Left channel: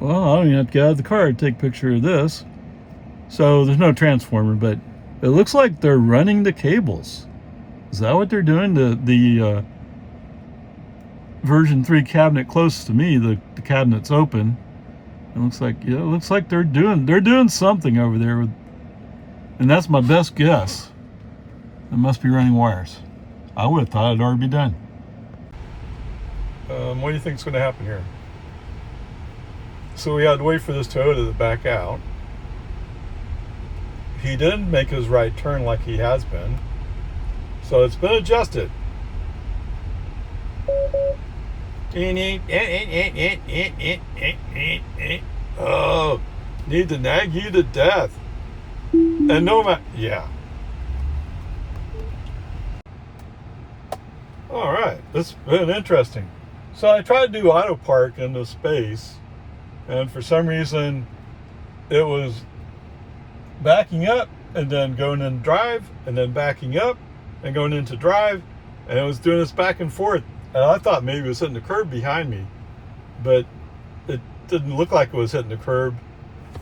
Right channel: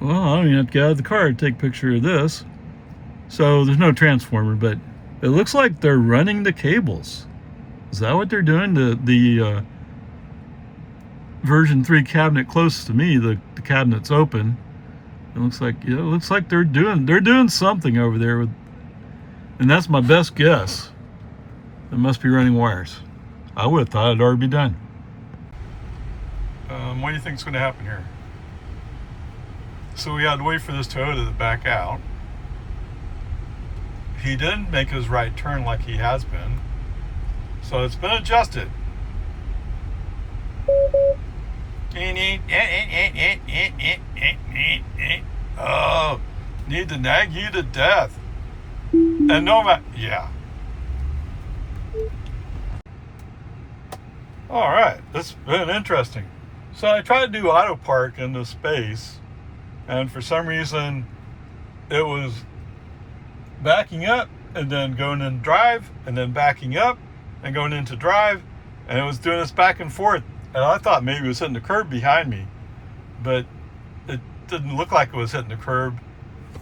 Well, I don't even have to get out of the car to take a picture of this. So there's no transformer, but it looks like they're running the cables. Is that what they're doing? The version 3 cabinet closest to me, the cabinet's open. It looks like, yeah, it looks like they're doing something over there with, and that's my best guess. It must be running wires. I would have thought it'd already be done. What do you think is going to happen here? So we had to wait for this Toyota to back out. He didn't make his right turn like he has been. So it's been adjusted. Oh, need to nag you to death. And no matter, yeah. All right, this has been interesting. So I tried to do AutoPark into space, and for some reason it was backing up and then going in drive and then backing up and going into drive, and it was doing this back and forth. And I thought maybe it was hitting the curb behind me, but it didn't look like it was hitting the curb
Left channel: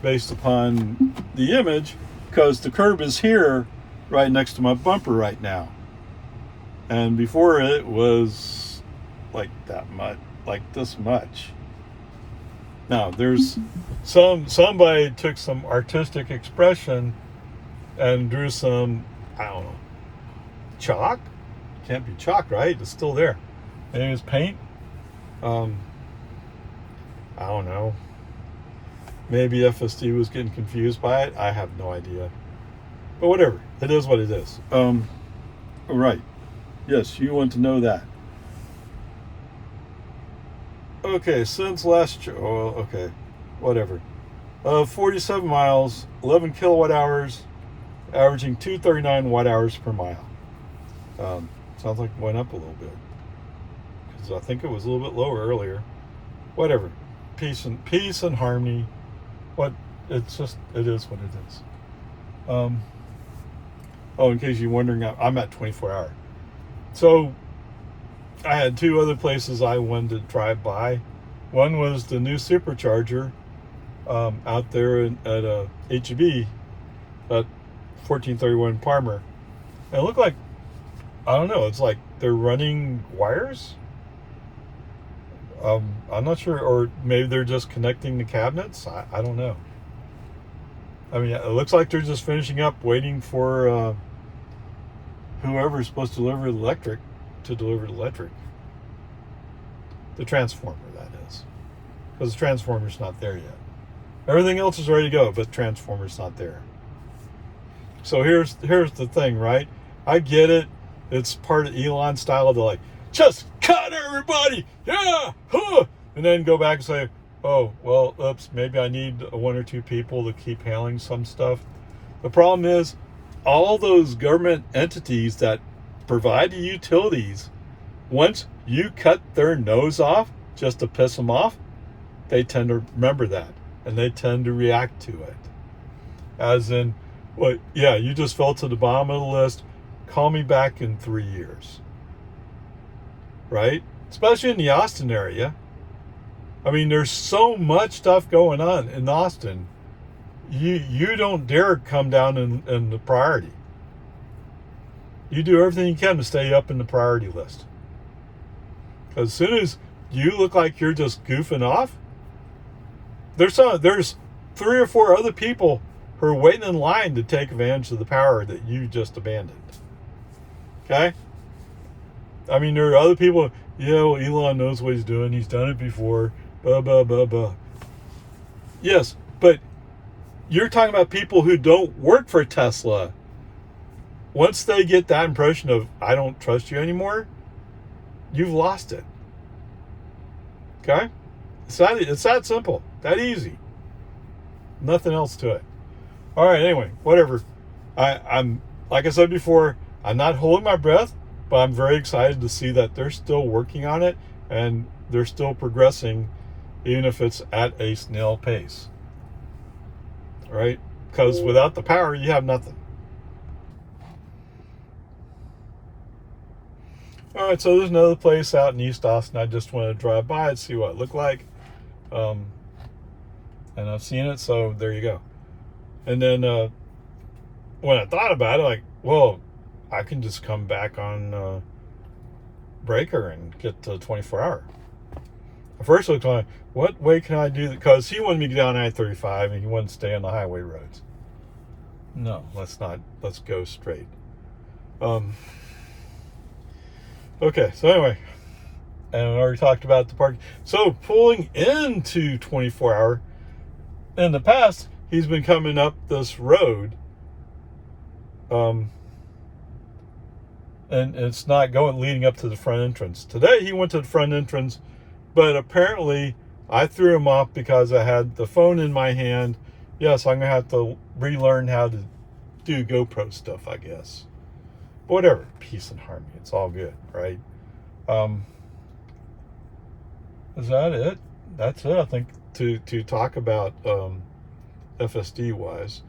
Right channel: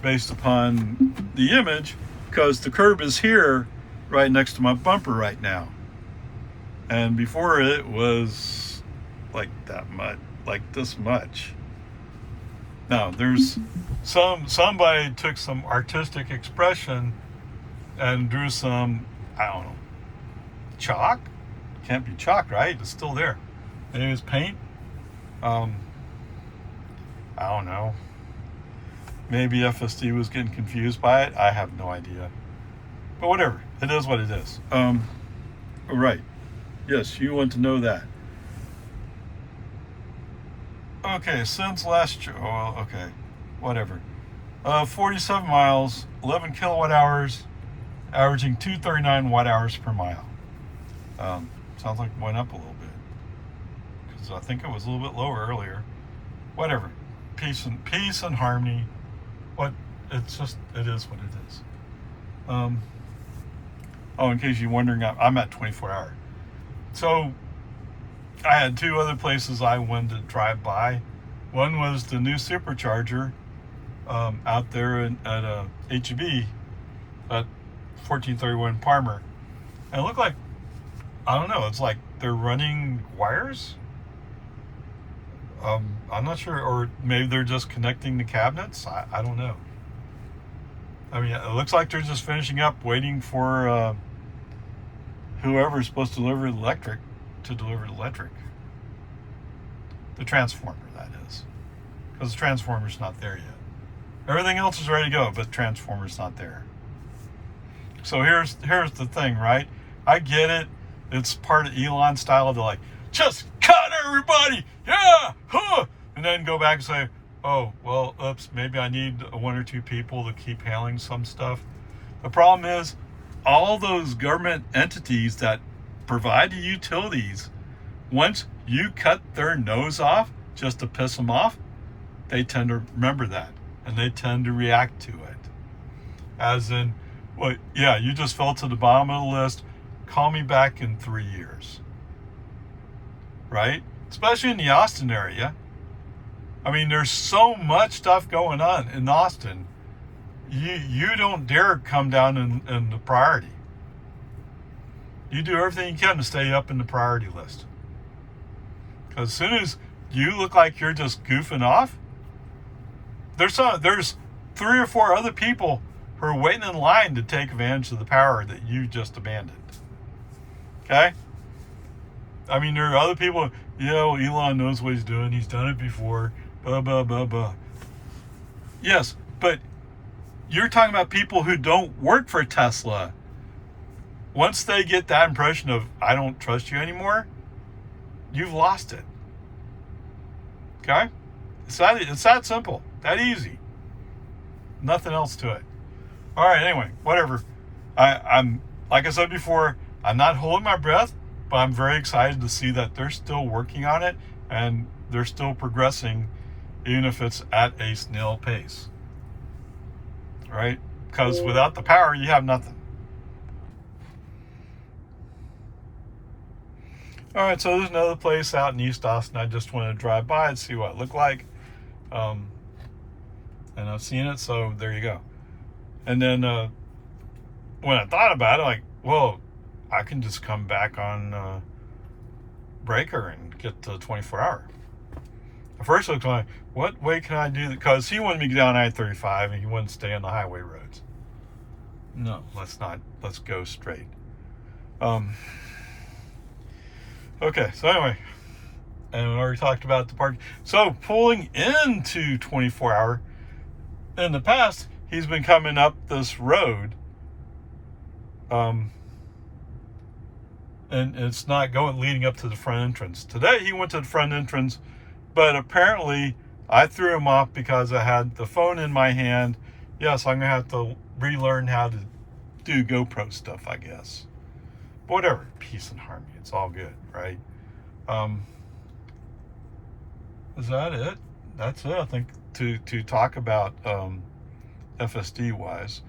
based upon the image, because the curb is here right next to my bumper right now. And before it was like that much, like this much. Now there's somebody took some artistic expression and drew some, I don't know, chalk? Can't be chalk, right? It's still there. And it was paint. I don't know. Maybe FSD was getting confused by it. I have no idea. But whatever. It is what it is. Right. Yes, you want to know that. Okay, since last year, oh, okay, whatever. 47 miles, 11 kilowatt hours, averaging 239 watt hours per mile. Sounds like it went up a little bit, because I think it was a little bit lower earlier. Whatever. Peace and harmony. What? It's just, it is what it is. Oh, in case you're wondering, I'm at 24 hour. So I had two other places I wanted to drive by. One was the new supercharger out there at HEB at 1431 Palmer. And it looked like, I don't know, it's like they're running wires. I'm not sure, or maybe they're just connecting the cabinets. I don't know. I mean, it looks like they're just finishing up, waiting for whoever's supposed to deliver the electric to deliver the electric. The transformer, that is. Because the transformer's not there yet. Everything else is ready to go, but the transformer's not there. So here's the thing, right? I get it. It's part of Elon style. They're like, just cut everybody! Yeah! Huh! And then go back and say, oh, well, oops, maybe I need one or two people to keep handling some stuff. The problem is, all those government entities that provide the utilities, once you cut their nose off just to piss them off, they tend to remember that, and they tend to react to it. As in, well, yeah, you just fell to the bottom of the list, call me back in 3 years. Right? Especially in the Austin area. I mean, there's so much stuff going on in Austin. You don't dare come down in the priority. You do everything you can to stay up in the priority list. Because as soon as you look like you're just goofing off, there's 3 or 4 other people who are waiting in line to take advantage of the power that you just abandoned. Okay? I mean, there are other people, well, Elon knows what he's doing. He's done it before. Blah, blah, blah, blah. Yes, but you're talking about people who don't work for Tesla. Once they get that impression of, I don't trust you anymore, you've lost it. Okay? It's that simple. That easy. Nothing else to it. All right, anyway, whatever. I'm like I said before, I'm not holding my breath, but I'm very excited to see that they're still working on it and they're still progressing, even if it's at a snail pace. Right? Because without the power, you have nothing. All right, so there's another place out in East Austin. I just want to drive by and see what it looked like. And I've seen it, so there you go. And then when I thought about it, like, well, I can just come back on breaker and get the 24-hour. At first I was like, what way can I do that? Because he wanted me to get down I-35 and he wanted to stay on the highway roads. No, let's go straight. Okay, so anyway, and I already talked about the parking. So pulling into 24-hour, in the past, he's been coming up this road, and it's not leading up to the front entrance. Today he went to the front entrance, but apparently I threw him off because I had the phone in my hand. Yes, I'm gonna have to relearn how to do GoPro stuff, I guess. But whatever, peace and harmony. It's all good, right? Is that it? That's it, I think, to talk about FSD wise.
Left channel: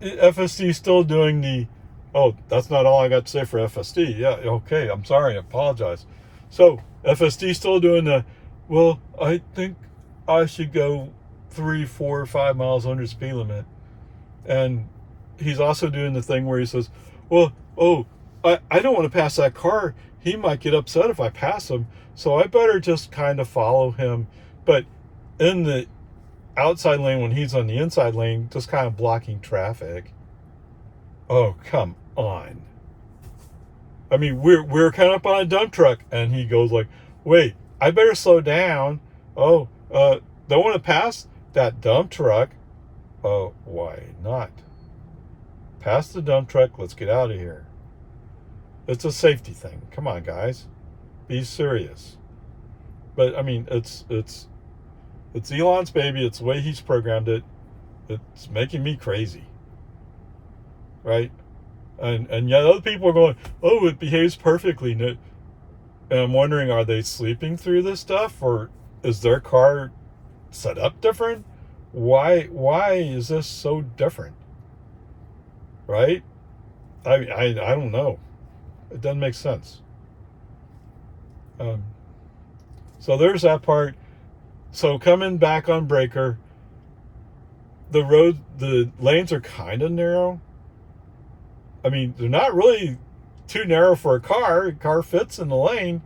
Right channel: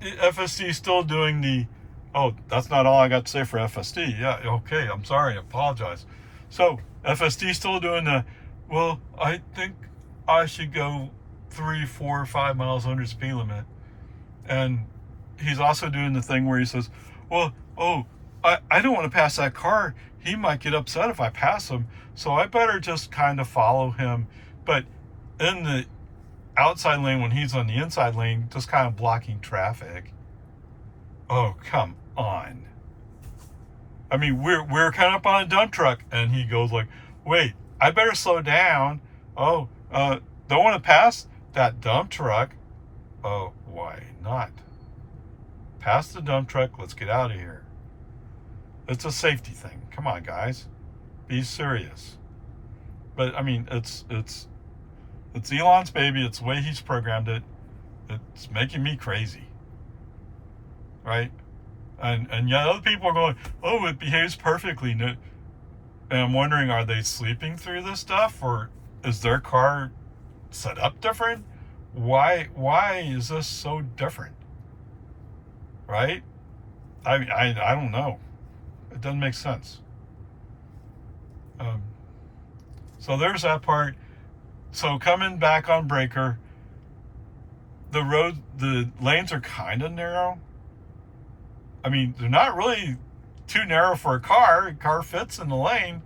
FSD is still doing the, oh, that's not all I got to say for FSD. Yeah, okay, I'm sorry, I apologize. So FSD still doing the, well, I think I should go 3, 4, 5 miles under speed limit. And he's also doing the thing where he says, well, oh, I don't want to pass that car. He might get upset if I pass him, so I better just kind of follow him. But in the outside lane, when he's on the inside lane, just kind of blocking traffic. Oh, come on. I mean, we're kind of up on a dump truck, and he goes like, wait, I better slow down. Oh, don't want to pass that dump truck. Oh, why not? Pass the dump truck. Let's get out of here. It's a safety thing. Come on, guys. Be serious. But, I mean, it's Elon's baby. It's the way he's programmed it. It's making me crazy. Right? And yet other people are going, oh, it behaves perfectly. And I'm wondering, are they sleeping through this stuff? Or is their car set up different? Why is this so different? Right? I don't know. It doesn't make sense. So there's that part. So coming back on breaker, the lanes are kind of narrow. I mean, they're not really too narrow for a car. A car fits in the lane,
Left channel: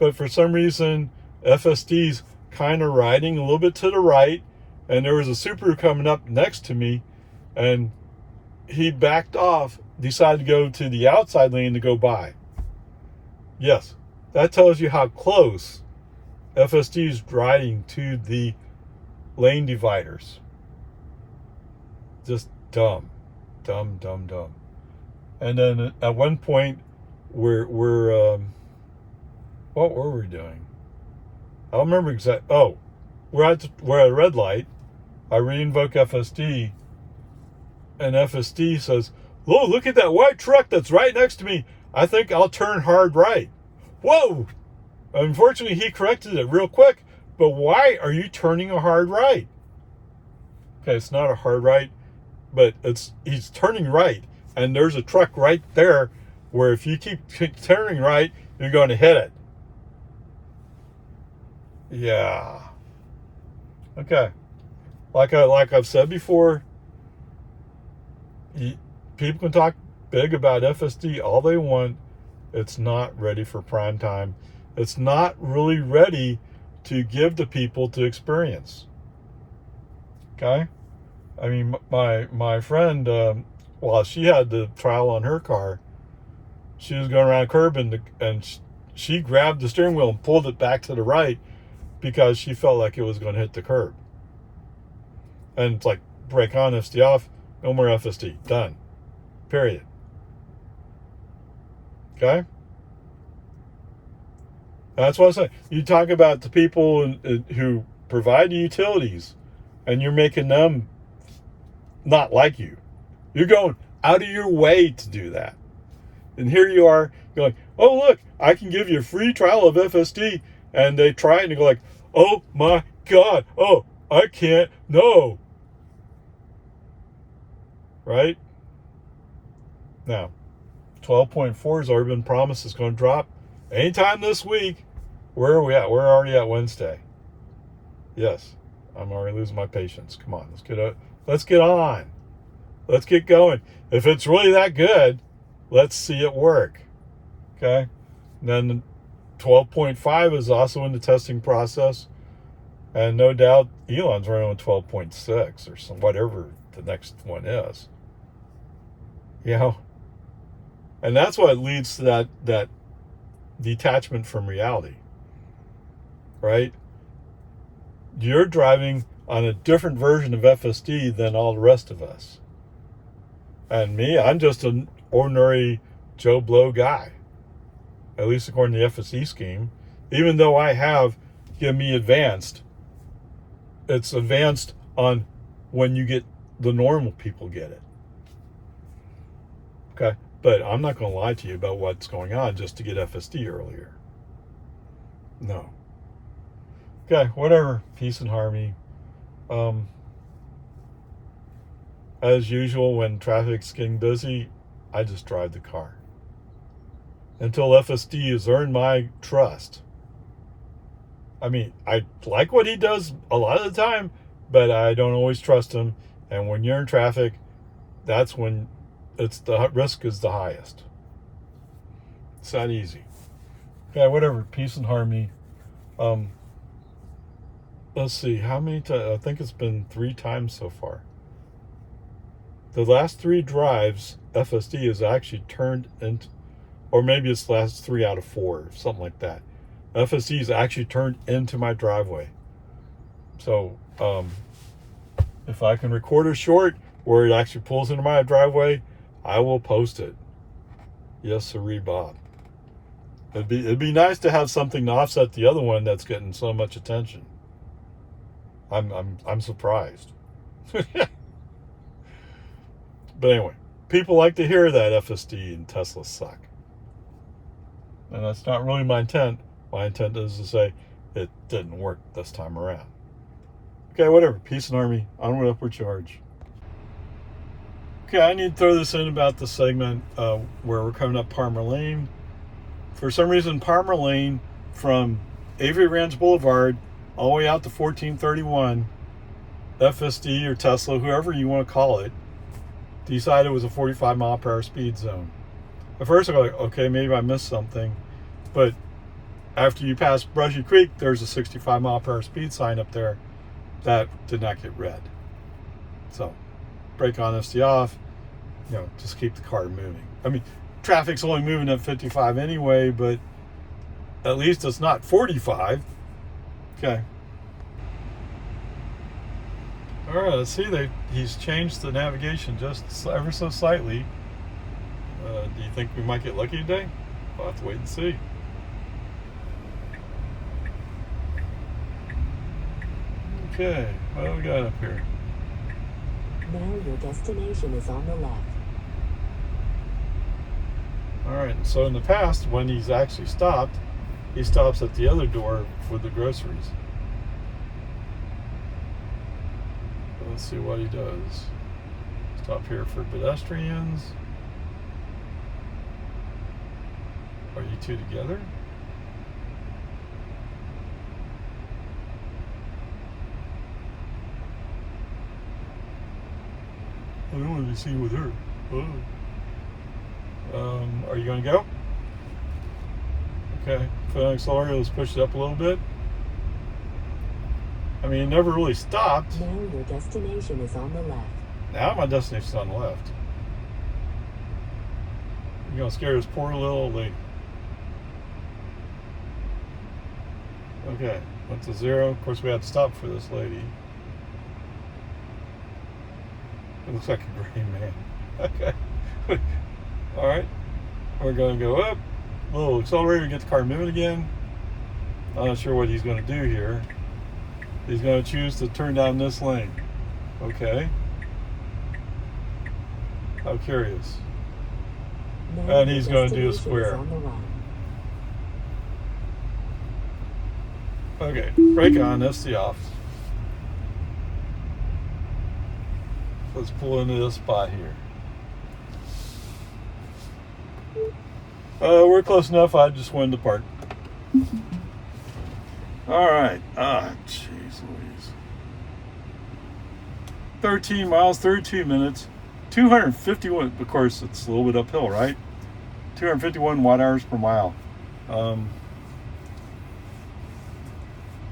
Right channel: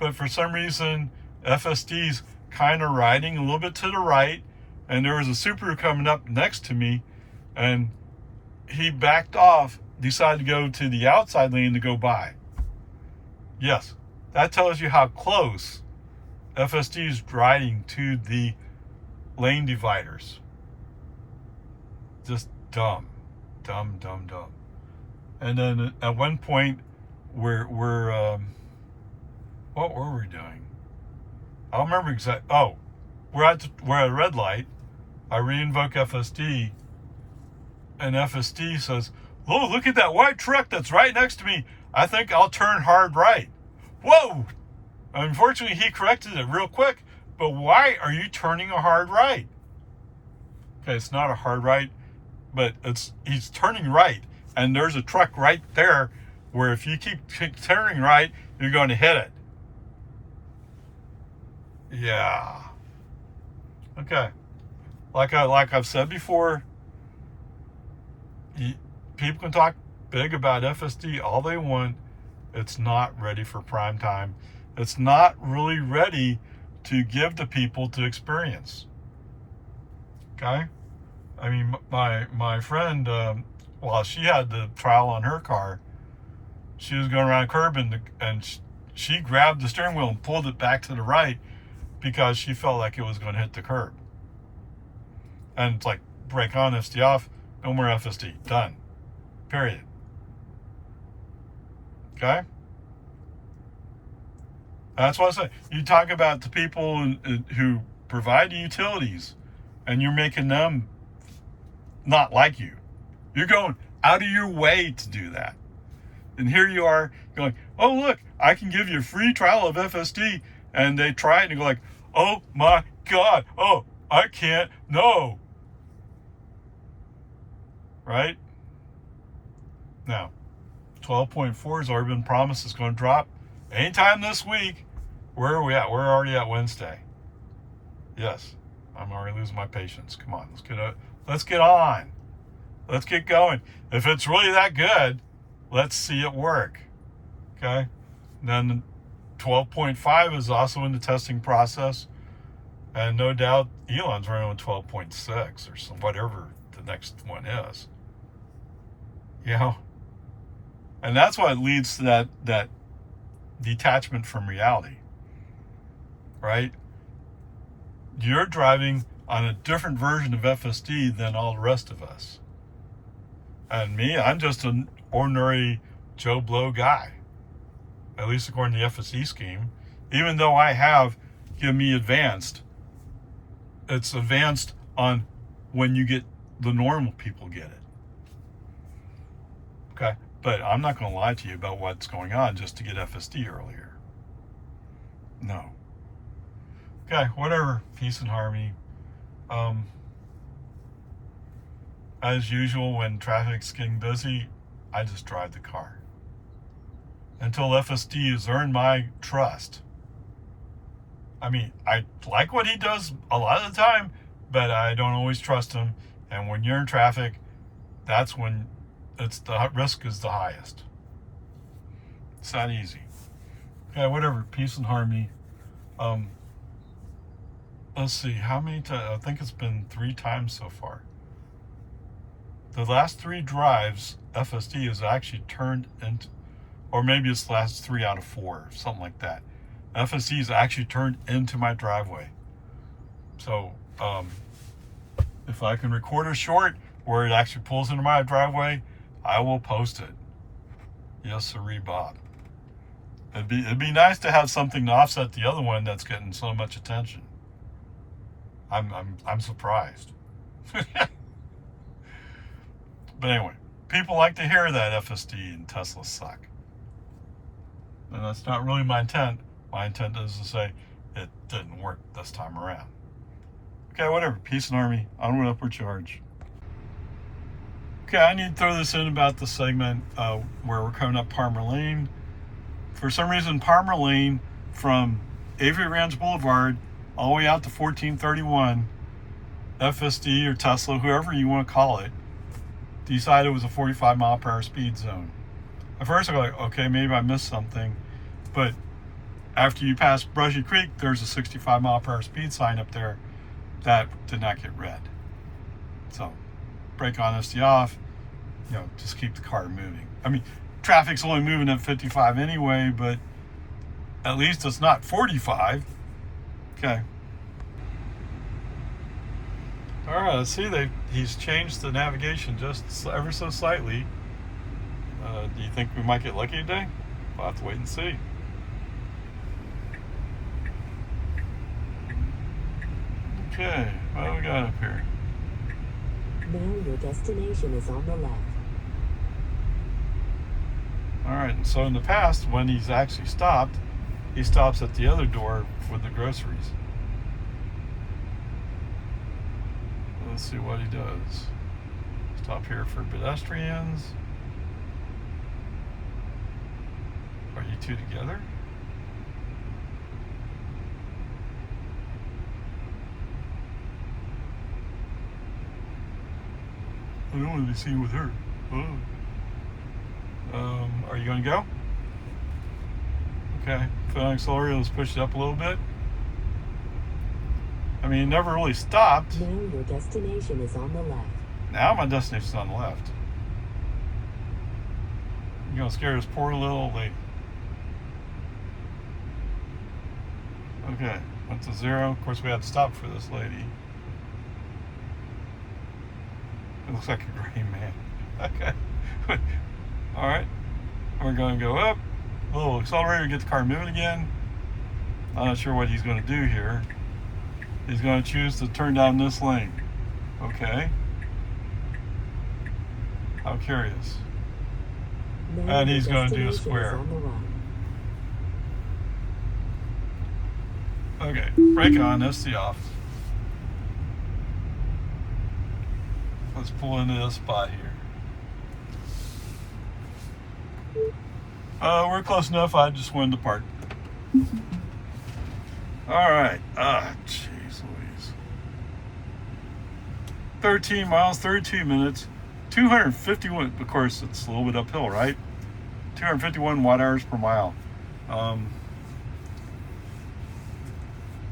but for some reason, FSD's kind of riding a little bit to the right, and there was a Subaru coming up next to me, and he backed off, decided to go to the outside lane to go by. Yes, that tells you how close FSD is riding to the lane dividers. Just dumb. And then at one point, we're what were we doing? I don't remember exactly. Oh, we're at a red light. I reinvoke FSD, and FSD says, "Oh, look at that white truck that's right next to me. I think I'll turn hard right." Whoa! Unfortunately, he corrected it real quick. But why are you turning a hard right? Okay, it's not a hard right, but he's turning right, and there's a truck right there where if you keep turning right, you're going to hit it. Yeah. Okay. Like I've said before, people can talk big about FSD all they want. It's not ready for prime time. It's not really ready to give to people to experience. Okay? I mean, my friend, while she had the trial on her car, she was going around a curb and she grabbed the steering wheel and pulled it back to the right because she felt like it was going to hit the curb. And it's like, brake on, FSD off, no more FSD. Done. Period. Okay? That's what I say. You talk about the people who provide the utilities, and you're making them not like you. You're going out of your way to do that. And here you are going, oh, look, I can give you a free trial of FSD. And they try it and you go like, oh my God, oh, I can't, no. Right? Now, 12.4 has already been promised it's going to drop anytime this week. Where are we at? We're already at Wednesday. Yes. I'm already losing my patience. Come on, let's get on. Let's get going. If it's really that good, let's see it work. Okay? And then 12.5 is also in the testing process. And no doubt Elon's running on 12.6 or some whatever the next one is. You know? And that's what leads to that detachment from reality. Right? You're driving on a different version of FSD than all the rest of us. And me, I'm just an ordinary Joe Blow guy. At least according to the FSD scheme. Even though I have given me advanced, it's advanced on when you get the normal people get it. Okay? But I'm not going to lie to you about what's going on just to get FSD earlier. No. Okay, whatever. Peace and harmony. As usual, when traffic's getting busy, I just drive the car. Until FSD has earned my trust. I mean, I like what he does a lot of the time, but I don't always trust him. And when you're in traffic, that's when the risk is the highest. It's that easy. Okay, whatever. Peace and harmony. Let's see, how many times? I think it's been 3 times so far. The last 3 drives, FSD is actually turned into, or maybe it's the last 3 out of 4, something like that. FSD is actually turned into my driveway. So, if I can record a short where it actually pulls into my driveway, I will post it. Yes, sirree, Bob. It'd be nice to have something to offset the other one that's getting so much attention. I'm surprised. But anyway, people like to hear that FSD and Tesla suck. And that's not really my intent. My intent is to say it didn't work this time around. Okay, whatever. Peace and harmony. Onward, upward charge. Okay, I need to throw this in about the segment where we're coming up Palmer Lane. For some reason, Palmer Lane from Avery Ranch Boulevard all the way out to 1431, FSD or Tesla, whoever you want to call it, decided it was a 45 mile per hour speed zone. At first I go, okay, maybe I missed something. But after you pass Brushy Creek, there's a 65 mile per hour speed sign up there that did not get read. So brake on, SD off, just keep the car moving. I mean, traffic's only moving at 55 anyway, but at least it's not 45. Okay. All right, let's see. He's changed the navigation just ever so slightly. Do you think we might get lucky today? We'll have to wait and see. Okay, what do we got up here? Now your destination is on the left. All right, so in the past, when he's actually stopped, he stops at the other door with the groceries. Let's see what he does. Stop here for pedestrians. Are you two together? I don't want to be seen with her. Oh. Are you going to go? Okay. Foot on accelerator, let's push it up a little bit. I mean, it never really stopped. Now your destination is on the left. Now my destination's on the left. You're going to scare this poor little old lady. Okay, went to 0. Of course, we had to stop for this lady. It looks like a green man. Okay. All right. We're going to go up. A little accelerator, get the car moving again. I'm not sure what he's going to do here. He's going to choose to turn down this lane. Okay. How curious. Now And he's going to do a square. on the right. Okay, brake on, SD off. Let's pull into this spot here. We're close enough, I just wanted to park. Alright, jeez Louise. 13 miles, 32 minutes, 251. Of course, it's a little bit uphill, right? 251 watt hours per mile.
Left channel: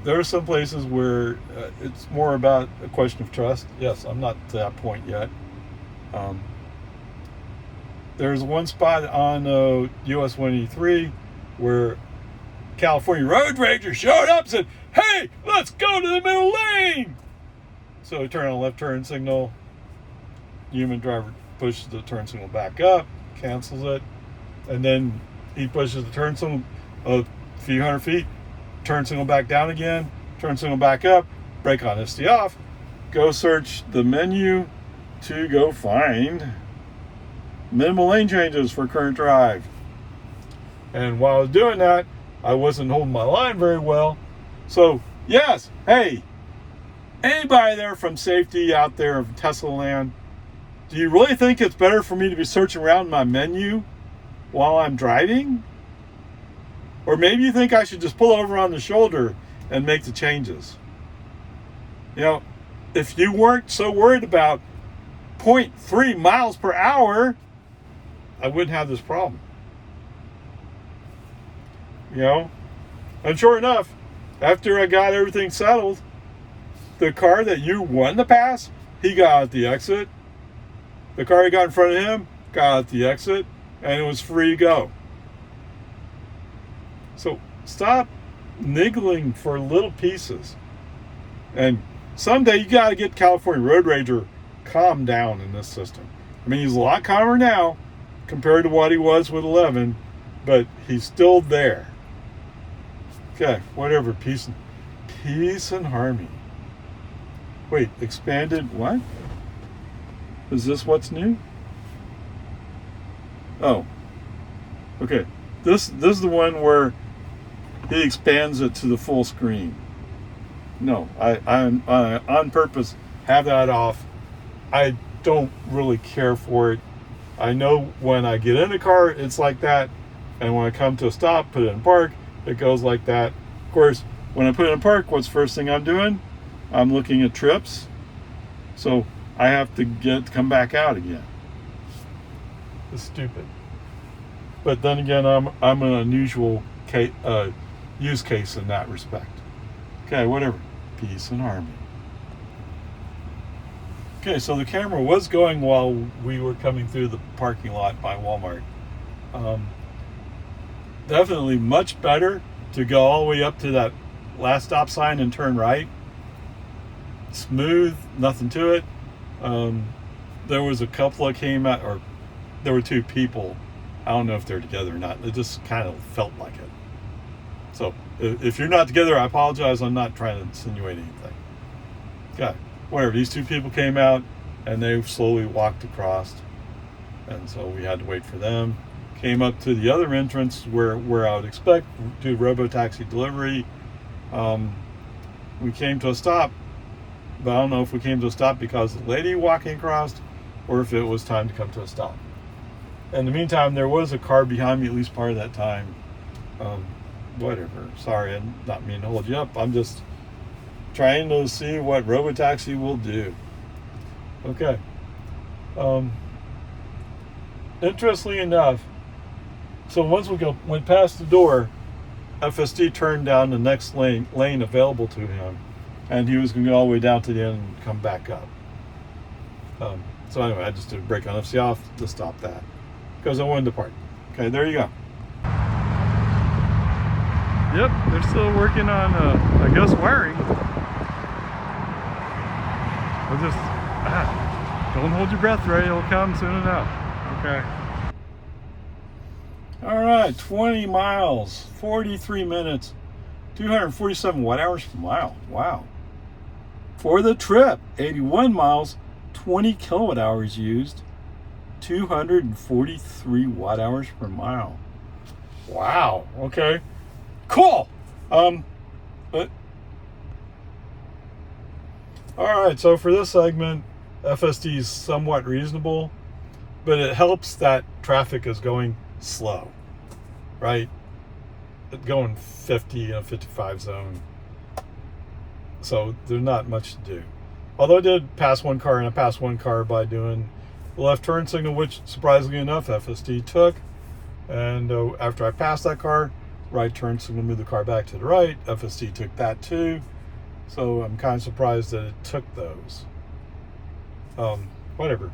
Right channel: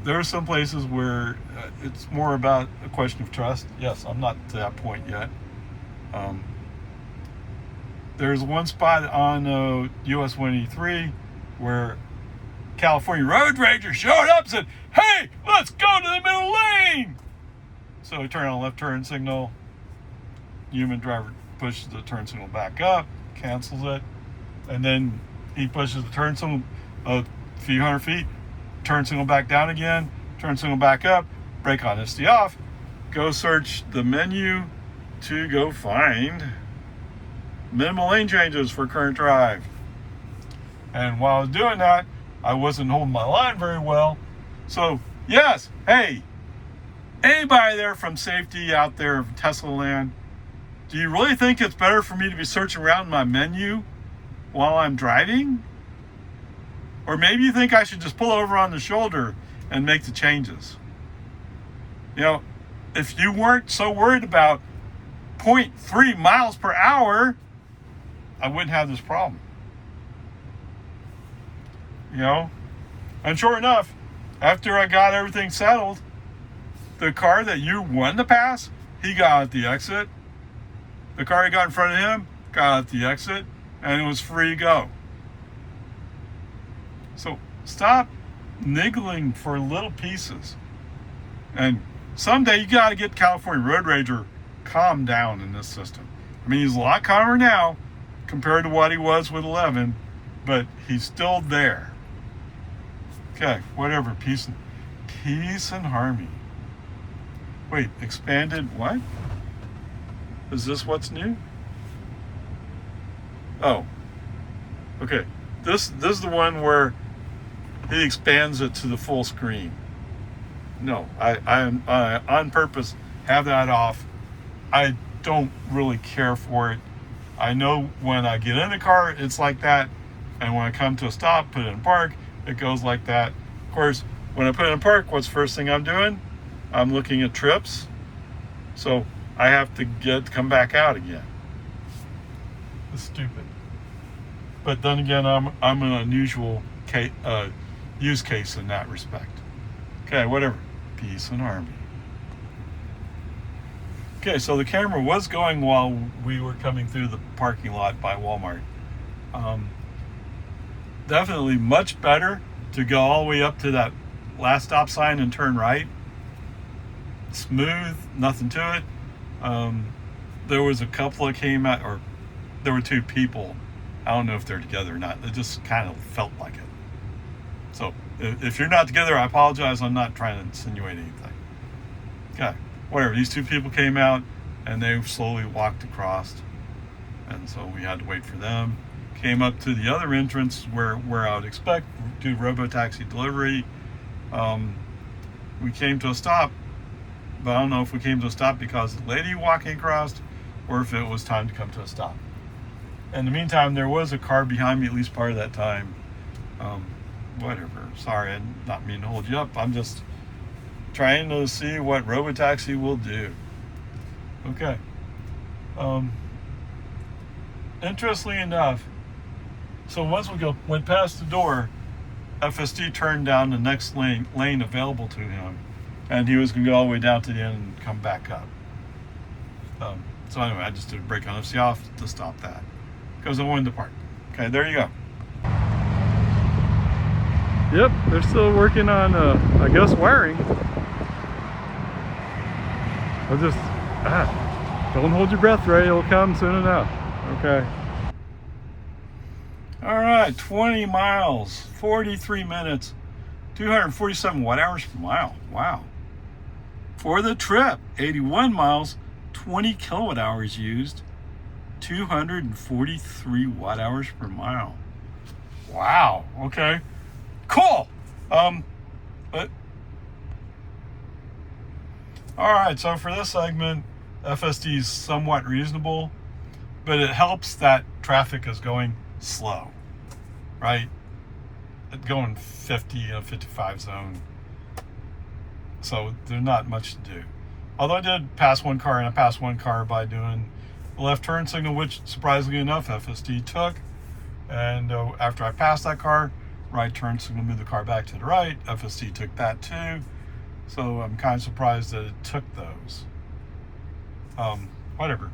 There are some places where it's more about a question of trust. Yes, I'm not to that point yet. There's one spot on US 183 where California road ranger showed up and said, "Hey, let's go to the middle lane." So he turned on left turn signal. Human driver pushes the turn signal back up, cancels it, and then he pushes the turn signal a few hundred feet, turn signal back down again, turn signal back up, brake on, SD off, go search the menu to go find minimal lane changes for current drive. And while I was doing that, I wasn't holding my line very well. So yes, hey, anybody there from safety out there of Tesla land, do you really think it's better for me to be searching around my menu while I'm driving? Or maybe you think I should just pull over on the shoulder and make the changes. You know, if you weren't so worried about 0.3 miles per hour, I wouldn't have this problem. You know? And sure enough, after I got everything settled, the car that you wanted to pass, he got at the exit. The car he got in front of him got at the exit, and it was free to go. So stop niggling for little pieces. And someday you got to get California Road Ranger calmed down in this system. I mean, he's a lot calmer now compared to what he was with 11, but he's still there. Okay, whatever. Peace and harmony. Wait, expanded what? Is this what's new? Oh, okay. This is the one where he expands it to the full screen. No, I on purpose have that off. I don't really care for it. I know when I get in the car, it's like that, and when I come to a stop, put it in park, it goes like that. Of course, when I put it in park, what's the first thing I'm doing? I'm looking at trips, so I have to come back out again. It's stupid. But then again, I'm an unusual use case in that respect. Okay, whatever. Peace and harmony. Okay, so the camera was going while we were coming through the parking lot by Walmart. Definitely much better to go all the way up to that last stop sign and turn right. Smooth, nothing to it. There was a couple that came out, or there were two people. I don't know if they're together or not. It just kind of felt like it. So if you're not together, I apologize. I'm not trying to insinuate anything. Yeah, whatever. These two people came out and they slowly walked across. And so we had to wait for them. Came up to the other entrance where I would expect to robo-taxi delivery. We came to a stop, but I don't know if we came to a stop because of the lady walking across or if it was time to come to a stop. In the meantime, there was a car behind me at least part of that time. Whatever. Sorry, I'm not meaning to hold you up. I'm just trying to see what robotaxi will do. Okay. Interestingly enough, so once we went past the door, FSD turned down the next lane available to him, and he was going to go all the way down to the end and come back up. So anyway, I just did a brake on FC off to stop that because I wanted to park. Okay, there you go. Yep, they're still working on, I guess, wiring. I'll just, don't hold your breath, Ray. It'll come soon enough. Okay. All right, 20 miles, 43 minutes, 247 watt hours per mile. Wow. For the trip, 81 miles, 20 kilowatt hours used, 243 watt hours per mile. Wow. Okay. Cool. But all right, so for this segment, FSD is somewhat reasonable, but it helps that traffic is going slow, right? It's going 50 and 55 zone, so there's not much to do. Although I did pass one car, and I passed one car by doing the left turn signal, which surprisingly enough, FSD took. And after I passed that car, right turn signal moved the car back to the right. FSD took that too. So I'm kind of surprised that it took those. Whatever.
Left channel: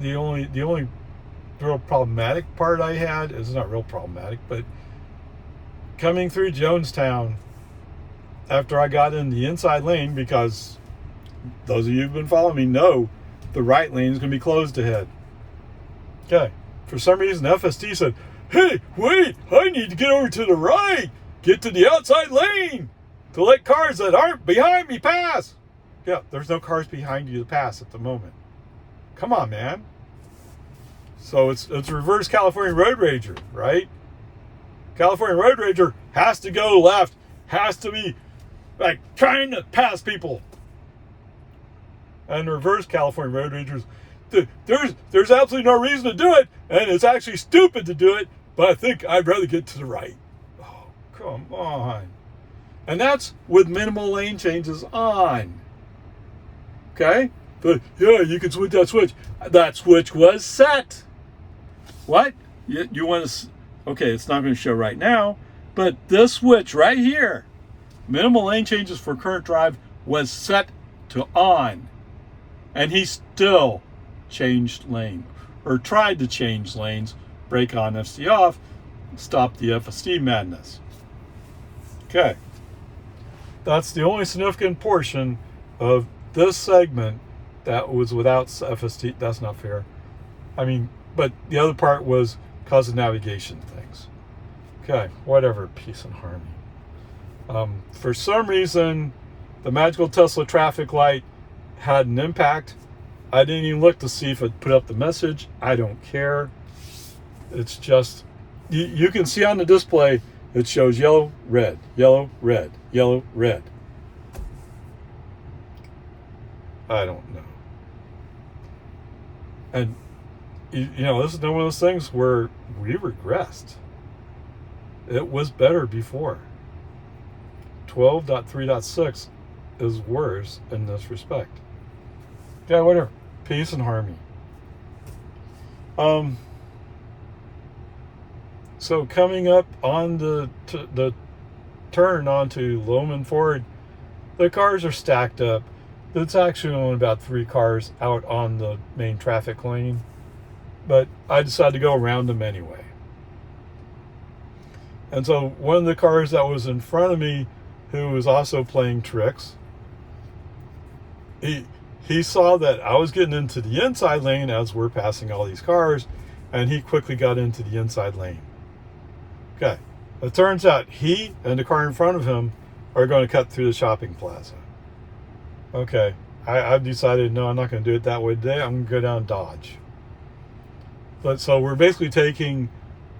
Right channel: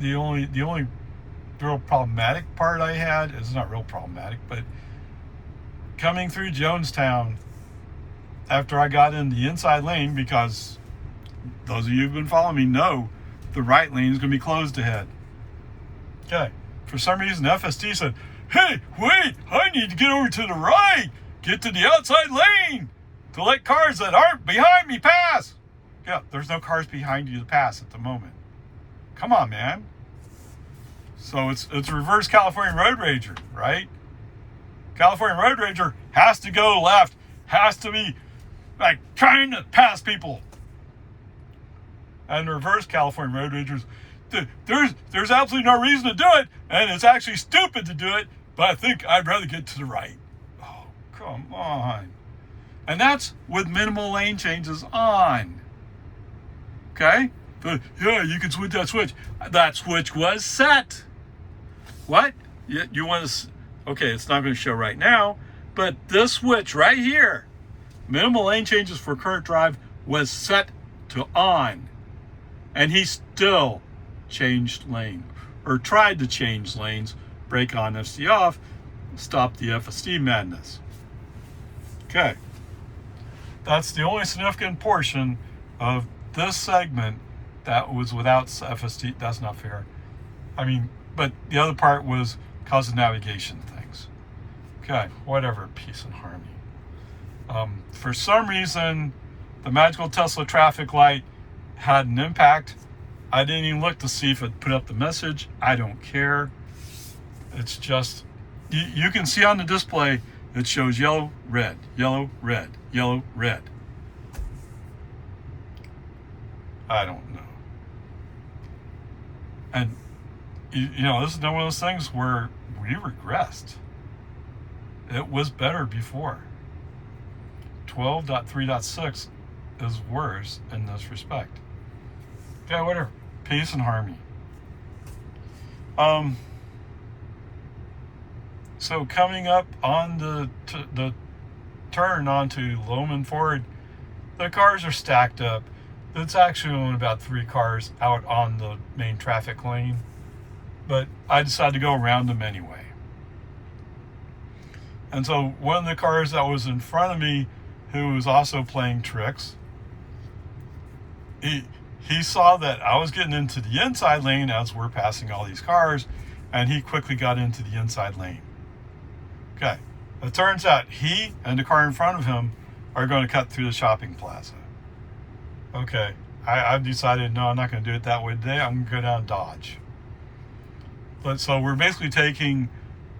The only real problematic part I had is not real problematic, but coming through Jonestown after I got in the inside lane, because those of you who've been following me know the right lane is going to be closed ahead. Okay. For some reason, FSD said, "Hey, wait, I need to get over to the right, get to the outside lane to let cars that aren't behind me pass." Yeah, there's no cars behind you to pass at the moment. Come on, man. So it's reverse California Road Rager, right? California Road Rager has to go left, has to be like trying to pass people. And reverse California Road Ragers, there's absolutely no reason to do it, and it's actually stupid to do it, but I think I'd rather get to the right. Oh, come on. And that's with minimal lane changes on. Okay? But yeah, you can switch that switch. That switch was set. What? You want to... Okay, it's not going to show right now, but this switch right here, minimal lane changes for current drive, was set to on. And he still changed lane, or tried to change lanes, brake on, FSD off, stop the FSD madness. Okay. That's the only significant portion of this segment that was without FSD. That's not fair. I mean, but the other part was cause of navigation things. Okay, whatever, peace and harmony. For some reason, the magical Tesla traffic light had an impact. I didn't even look to see if it put up the message. I don't care. It's just, you can see on the display, it shows yellow, red, yellow, red, yellow, red. I don't know. And, you know, this is one of those things where we regressed. It was better before. 12.3.6 is worse in this respect. Yeah, whatever. Peace and harmony. So coming up on the turn onto Loman Ford, the cars are stacked up. It's actually only about 3 cars out on the main traffic lane, but I decided to go around them anyway. And so one of the cars that was in front of me, who was also playing tricks, he saw that I was getting into the inside lane as we're passing all these cars, and he quickly got into the inside lane. Okay, it turns out he and the car in front of him are going to cut through the shopping plaza. Okay, I've decided, no, I'm not going to do it that way today. I'm going to go down Dodge. But so we're basically taking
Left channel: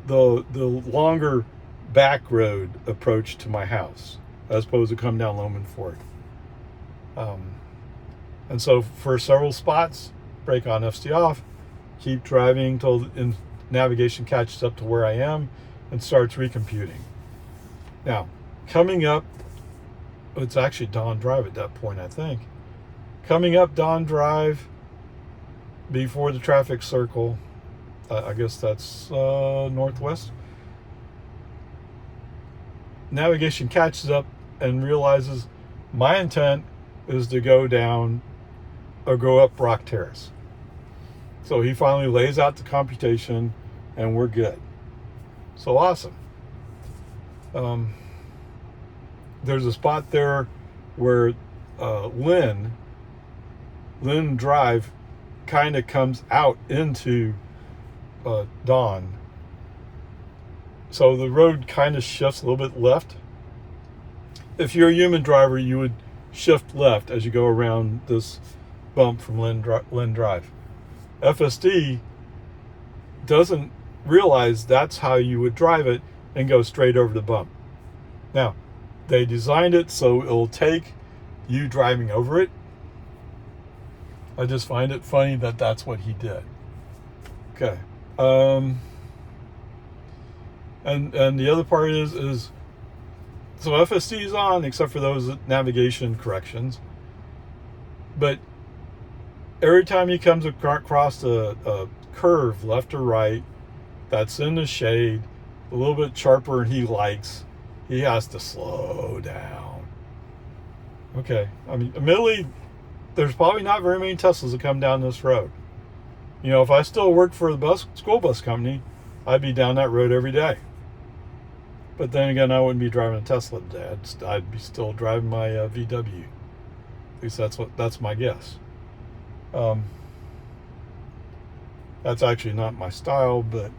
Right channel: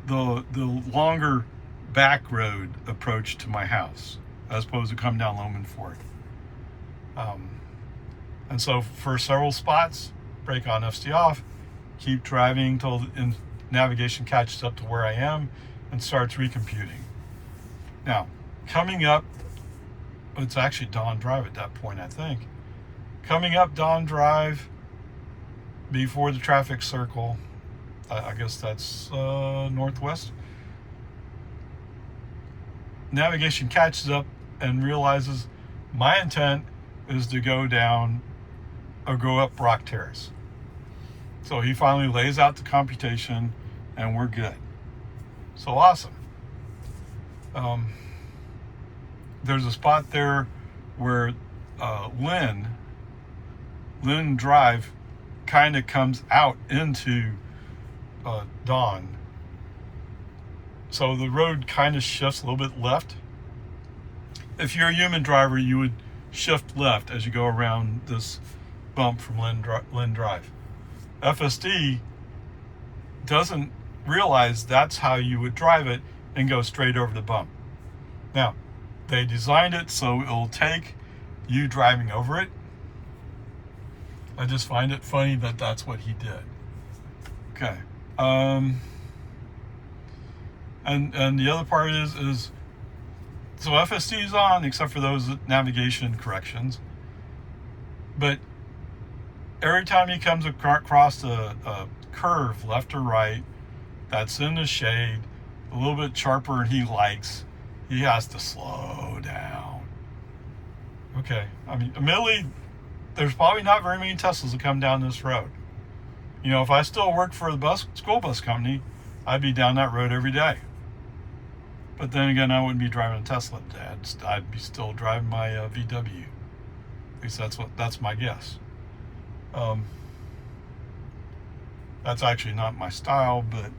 the longer back road approach to my house, as opposed to come down Loman Ford. And so for several spots, brake on, FSD off, keep driving till navigation catches up to where I am and starts recomputing. Now, coming up, it's actually Dawn Drive at that point, I think. Coming up Dawn Drive before the traffic circle, I guess that's northwest. Navigation catches up and realizes my intent is to go down or go up Rock Terrace. So he finally lays out the computation and we're good. So awesome. There's a spot there where Lynn Drive kind of comes out into Dawn. So the road kind of shifts a little bit left. If you're a human driver, you would shift left as you go around this bump from Lynn Drive. FSD doesn't realize that's how you would drive it and go straight over the bump. Now, they designed it so it'll take you driving over it. I just find it funny that that's what he did. Okay. And the other part is So FSD is on, except for those navigation corrections. But every time he comes across a curve, left or right, that's in the shade, a little bit sharper and he likes, he has to slow down. Okay, I mean, admittedly, there's probably not very many Teslas that come down this road. You know, if I still worked for the school bus company, I'd be down that road every day. But then again, I wouldn't be driving a Tesla today. I'd be still driving my VW. At least that's my guess. That's actually not my style, but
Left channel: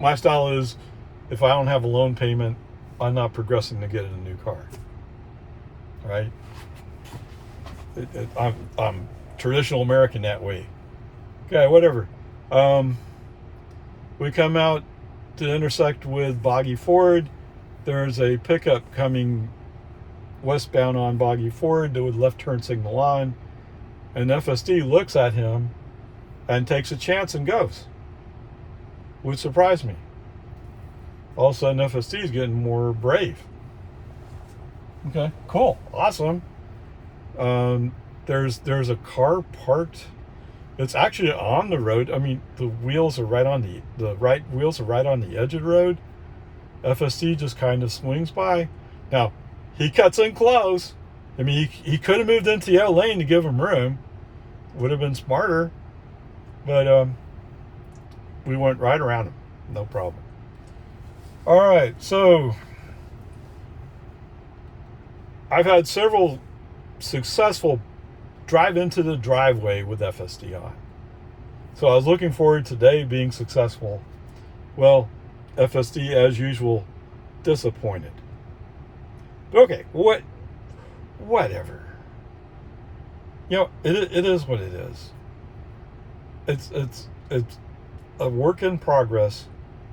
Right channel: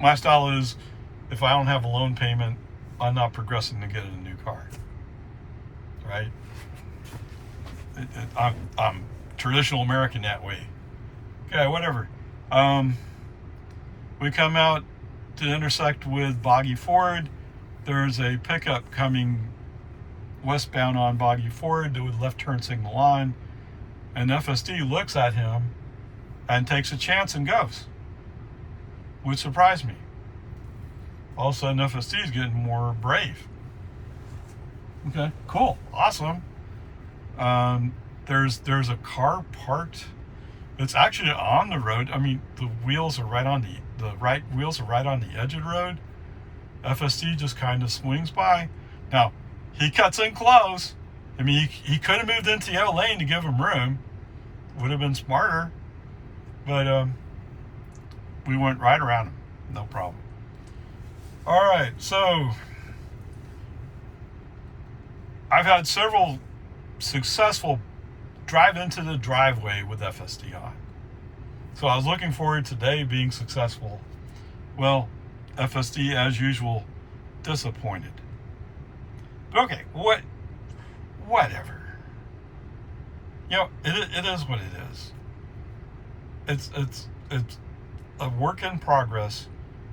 my style is, if I don't have a loan payment, I'm not progressing to get a new car. Right? I'm traditional American that way. Okay, whatever. We come out to intersect with Boggy Ford. There's a pickup coming westbound on Boggy Ford with left turn signal on, and FSD looks at him and takes a chance and goes, which surprised me. All of a sudden, FSD is getting more brave. Okay, cool, awesome. There's a car parked. It's actually on the road. I mean, the wheels are right on the right wheels are right on the edge of the road. FSD just kind of swings by. Now, he cuts in close. I mean, he could have moved into the other lane to give him room. Would have been smarter. But we went right around him. No problem. All right, so I've had several successful drive into the driveway with FSD on. So I was looking forward to today being successful. Well, FSD, as usual, disappointed. But okay, whatever. You know, it is what it is. It's a work in progress.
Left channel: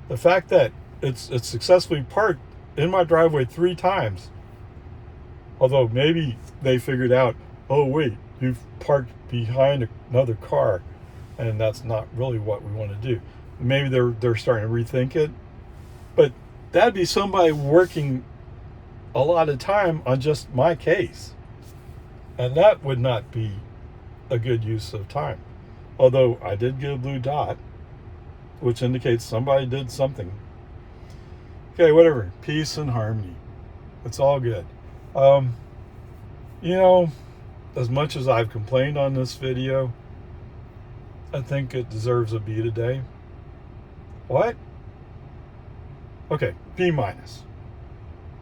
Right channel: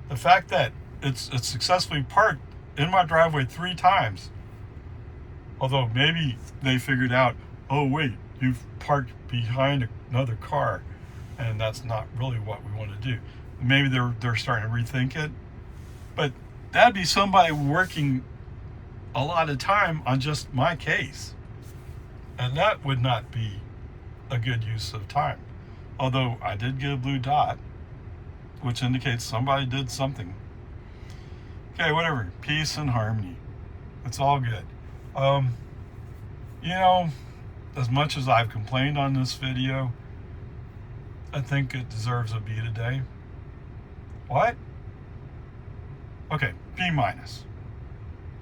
The fact that it's successfully parked in my driveway 3 times, although maybe they figured out, oh wait, you've parked behind another car, and that's not really what we want to do. Maybe they're starting to rethink it, but that'd be somebody working a lot of time on just my case, and that would not be a good use of time. Although I did get a blue dot, which indicates somebody did something. Okay, whatever. Peace and harmony. It's all good. You know, as much as I've complained on this video, I think it deserves a B today. What? Okay, B minus.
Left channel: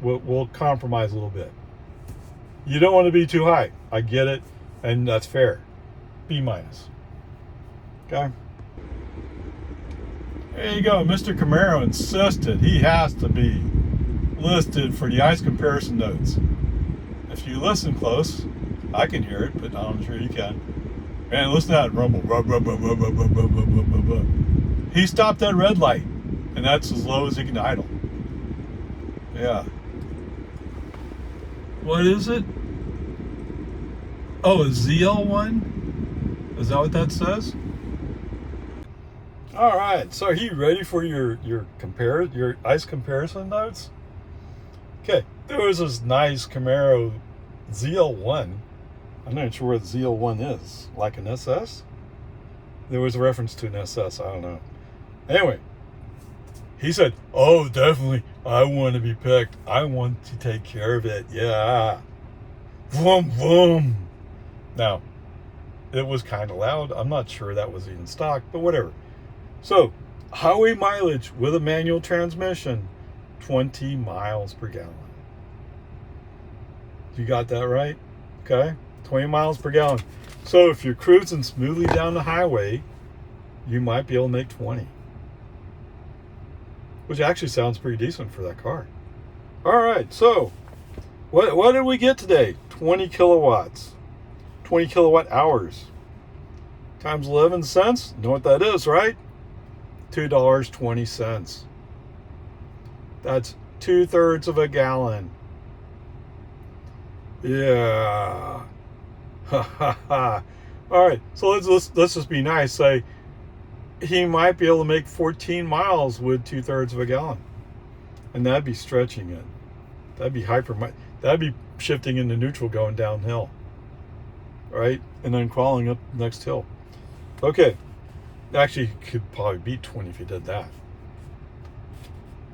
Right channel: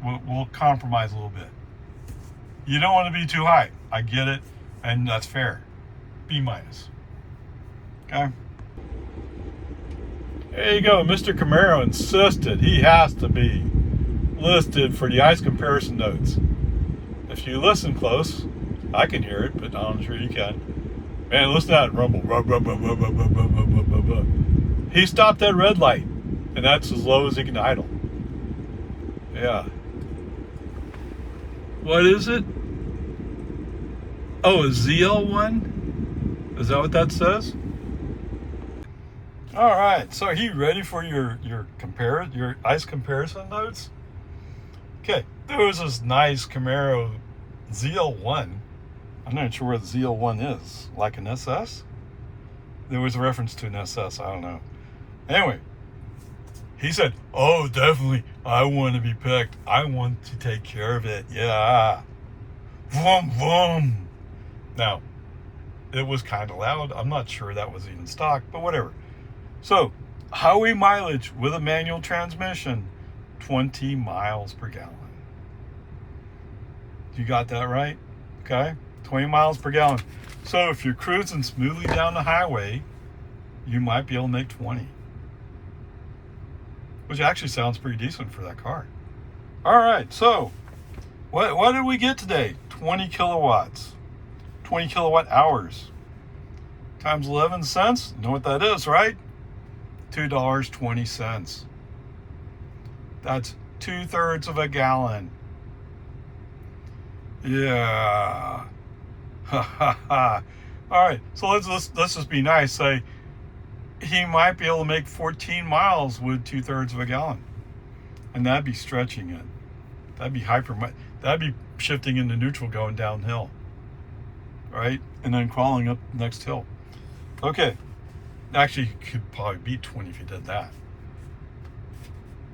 We'll compromise a little bit. You don't want to be too high. I get it, and that's fair. B minus. Okay? There you go. Mr. Camaro insisted he has to be listed for the ICE comparison notes. If you listen close, I can hear it, but I'm sure you can. Man, listen to that rumble. He stopped at red light, and that's as low as he can idle. Yeah. What is it? Oh, a ZL1? Is that what that says? All right. So, are you ready for your ICE comparison notes? Okay. There was this nice Camaro ZL1. I'm not sure what ZL1 is. Like an SS? There was a reference to an SS. I don't know. Anyway, he said, oh, definitely, I want to be picked. I want to take care of it. Yeah. Vroom, vroom. Now, it was kind of loud. I'm not sure that was even stock, but whatever. So, highway mileage with a manual transmission, 20 miles per gallon. You got that right? Okay. 20 miles per gallon. So if you're cruising smoothly down the highway, you might be able to make 20. Which actually sounds pretty decent for that car. All right, so what did we get today? 20 kilowatts. 20 kilowatt hours. Times 11 cents. Know what that is, right? $2.20. That's 2/3 of a gallon. Yeah. Ha ha ha. All right, so let's just be nice. Say he might be able to make 14 miles with 2/3 of a gallon, and that'd be stretching it. That'd be that'd be shifting into neutral going downhill. Right? And then crawling up the next hill. Okay. Actually, you could probably beat 20 if you did that.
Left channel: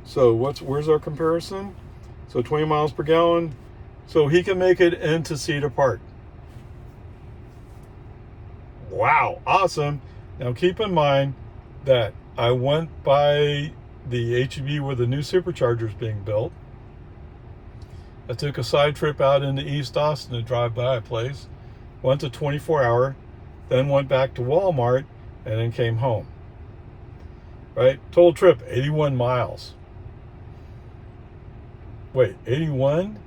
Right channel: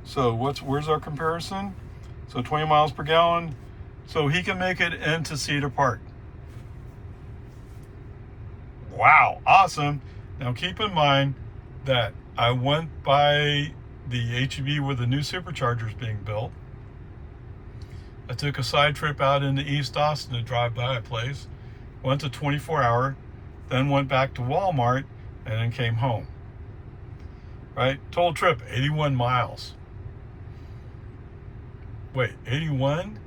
So where's our comparison? So 20 miles per gallon. So he can make it into Cedar Park. Wow, awesome. Now keep in mind that I went by the HEB where the new supercharger is being built. I took a side trip out into East Austin to drive by a place. Went to 24-hour, then went back to Walmart, and then came home. Right? Total trip, 81 miles. Wait, 81?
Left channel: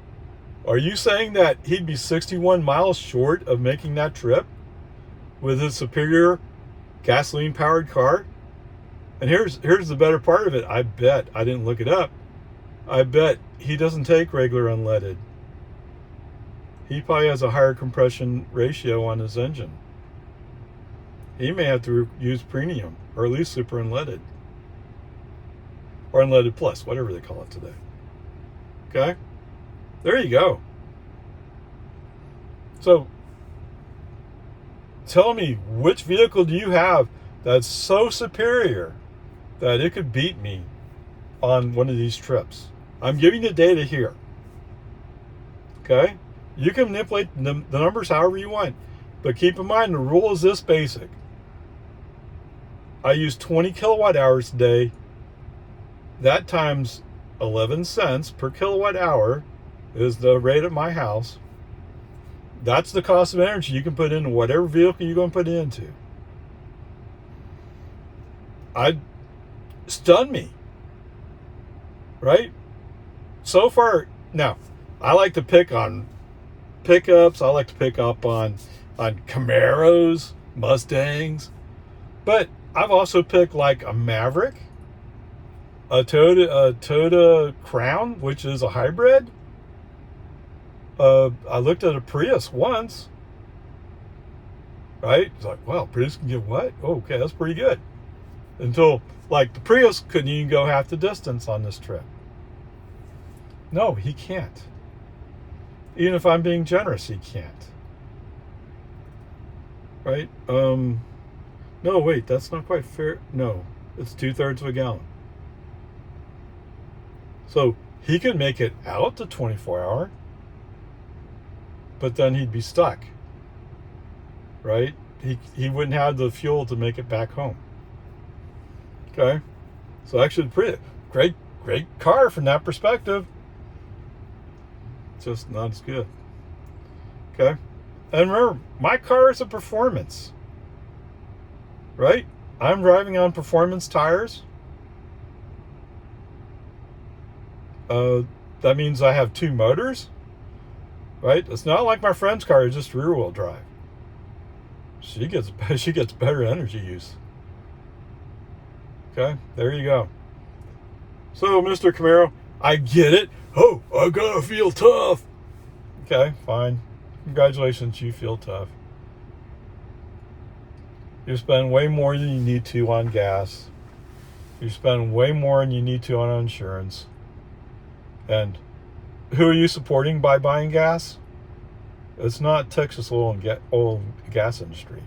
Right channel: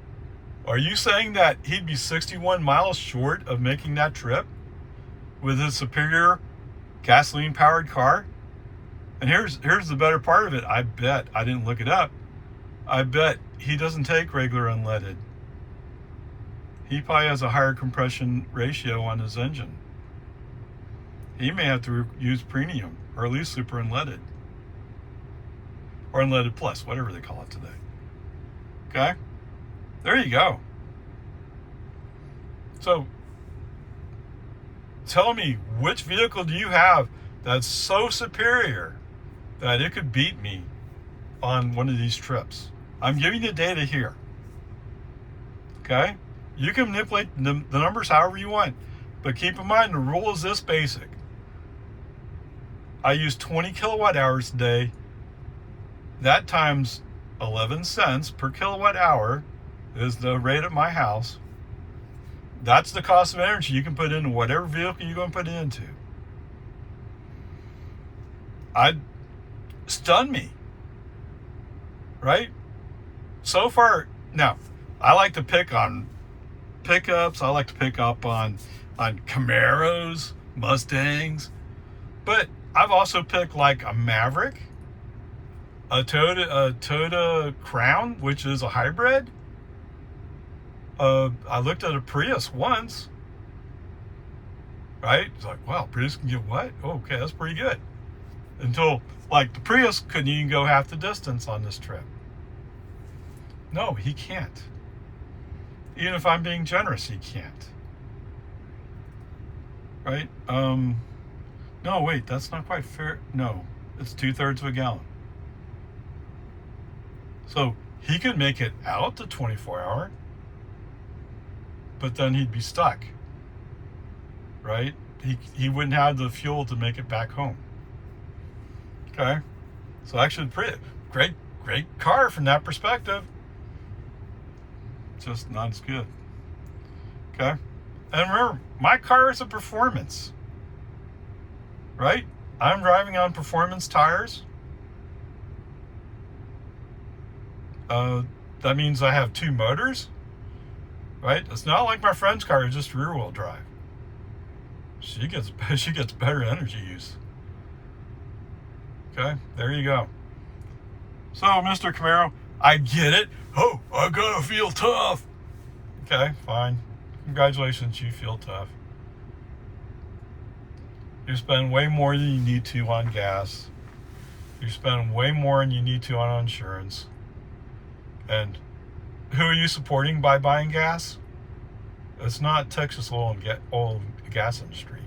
Are you saying that he'd be 61 miles short of making that trip with his superior gasoline-powered car? And here's the better part of it. I bet, I didn't look it up, I bet he doesn't take regular unleaded. He probably has a higher compression ratio on his engine. He may have to use premium, or at least super unleaded. Or unleaded plus, whatever they call it today. Okay? There you go. So, tell me, which vehicle do you have that's so superior that it could beat me on one of these trips? I'm giving you data here. Okay? You can manipulate the numbers however you want. But keep in mind, the rule is this basic. I use 20 kilowatt hours a day. That times 11 cents per kilowatt hour is the rate at my house. That's the cost of energy you can put into whatever vehicle you're going to put it into. I'd stun me. Right? So far, now, I like to pick on pickups. I like to pick up on Camaros, Mustangs. But I've also picked like a Maverick, a Toyota Crown, which is a hybrid. I looked at a Prius once. Right? It's like, wow, Prius can get what? Oh, okay, that's pretty good. Until, like, the Prius couldn't even go half the distance on this trip. No, he can't. Even if I'm being generous, he can't. Right? No, wait, that's not quite fair. No, it's 2/3 of a gallon. So he could make it out to 24-hour, but then he'd be stuck. Right? He wouldn't have the fuel to make it back home. Okay? So actually, great car from that perspective. Just not as good. Okay? And remember, my car is a performance. Right? I'm driving on performance tires. That means I have two motors. Right? It's not like my friend's car is just rear wheel drive. She gets better energy use. Okay? There you go. So, Mr. Camaro, I get it. Oh, I gotta feel tough. Okay, fine. Congratulations, you feel tough. You spend way more than you need to on gas. You spend way more than you need to on insurance. And who are you supporting by buying gas? It's not Texas oil and gas industry.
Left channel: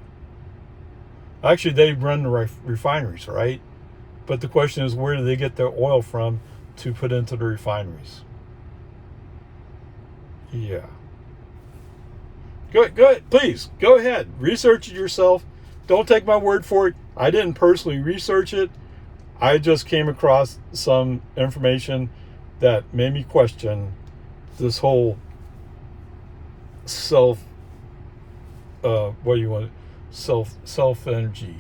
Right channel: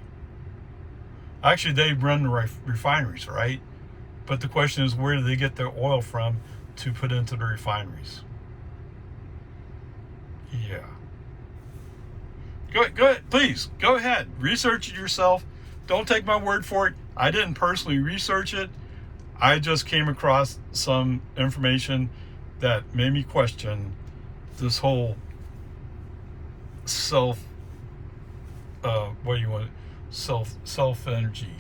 Actually, they run the refineries, right? But the question is, where do they get their oil from to put into the refineries? Yeah. Go ahead, please, go ahead. Research it yourself. Don't take my word for it. I didn't personally research it. I just came across some information that made me question this whole self energy.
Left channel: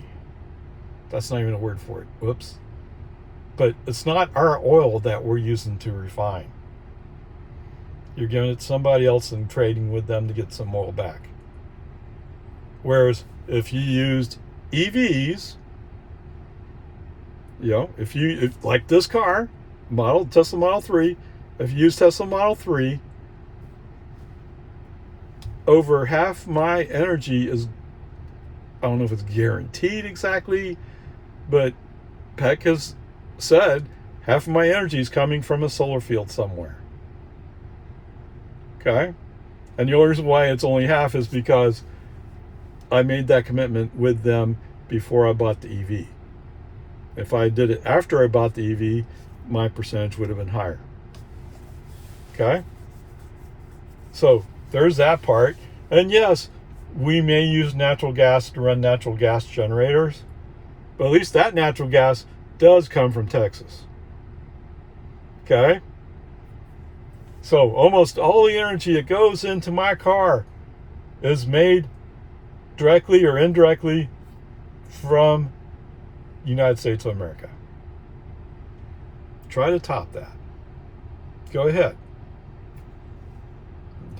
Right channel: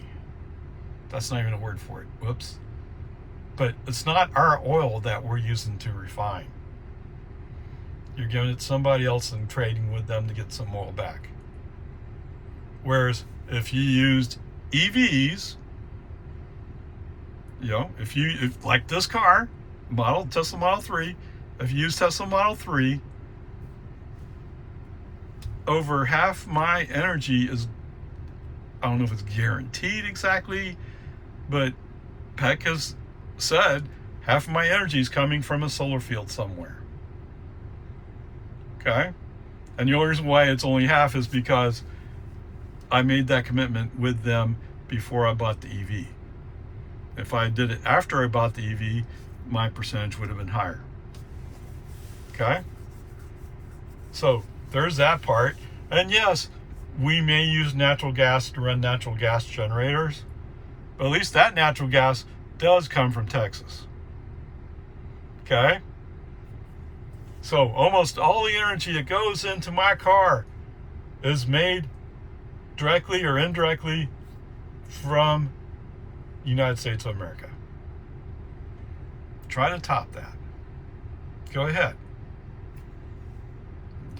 That's not even a word for it. Whoops. But it's not our oil that we're using to refine. You're giving it to somebody else and trading with them to get some oil back. Whereas if you used EVs, you know, if like this car, Tesla Model 3, if you use Tesla Model 3, over half my energy is, I don't know if it's guaranteed exactly, but Peck has said half of my energy is coming from a solar field somewhere. Okay? And the only reason why it's only half is because I made that commitment with them before I bought the EV. If I did it after I bought the EV, my percentage would have been higher. Okay? So there's that part. And yes, we may use natural gas to run natural gas generators, but at least that natural gas does come from Texas. Okay? So almost all the energy that goes into my car is made directly or indirectly from the United States of America. Try to top that. Go ahead.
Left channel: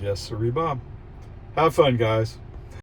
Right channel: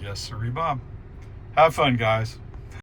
Yes, sir, Bob. Have fun, guys.